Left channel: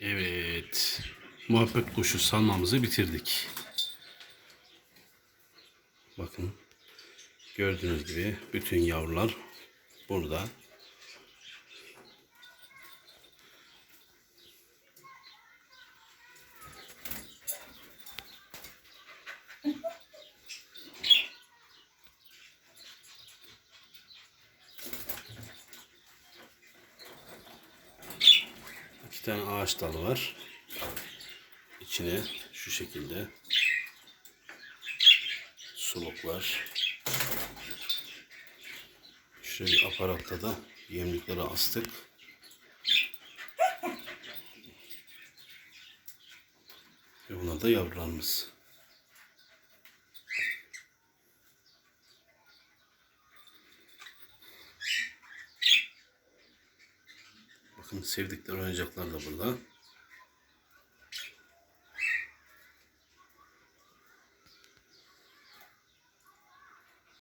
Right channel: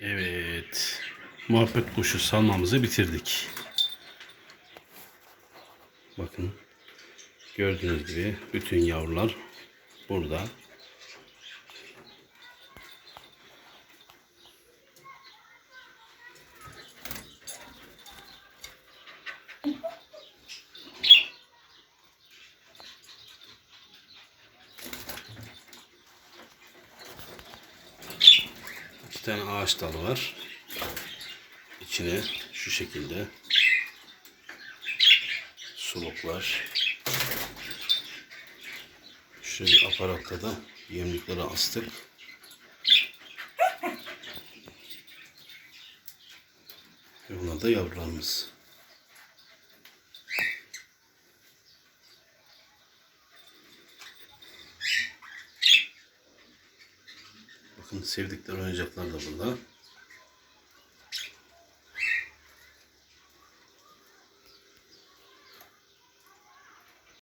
Evet. Muhabbet kuşu salmamızı bitirdik. Bakın. Gördüğünüz gibi bütün yavrular burada. Tane ağaç dalı var. İçine şu şekilde suluklar. Şöyle bir aparatta da yemlikleri astık. Ve bunlar da yavrularımız. Bakın sevdikleri oyuncaklar da burada.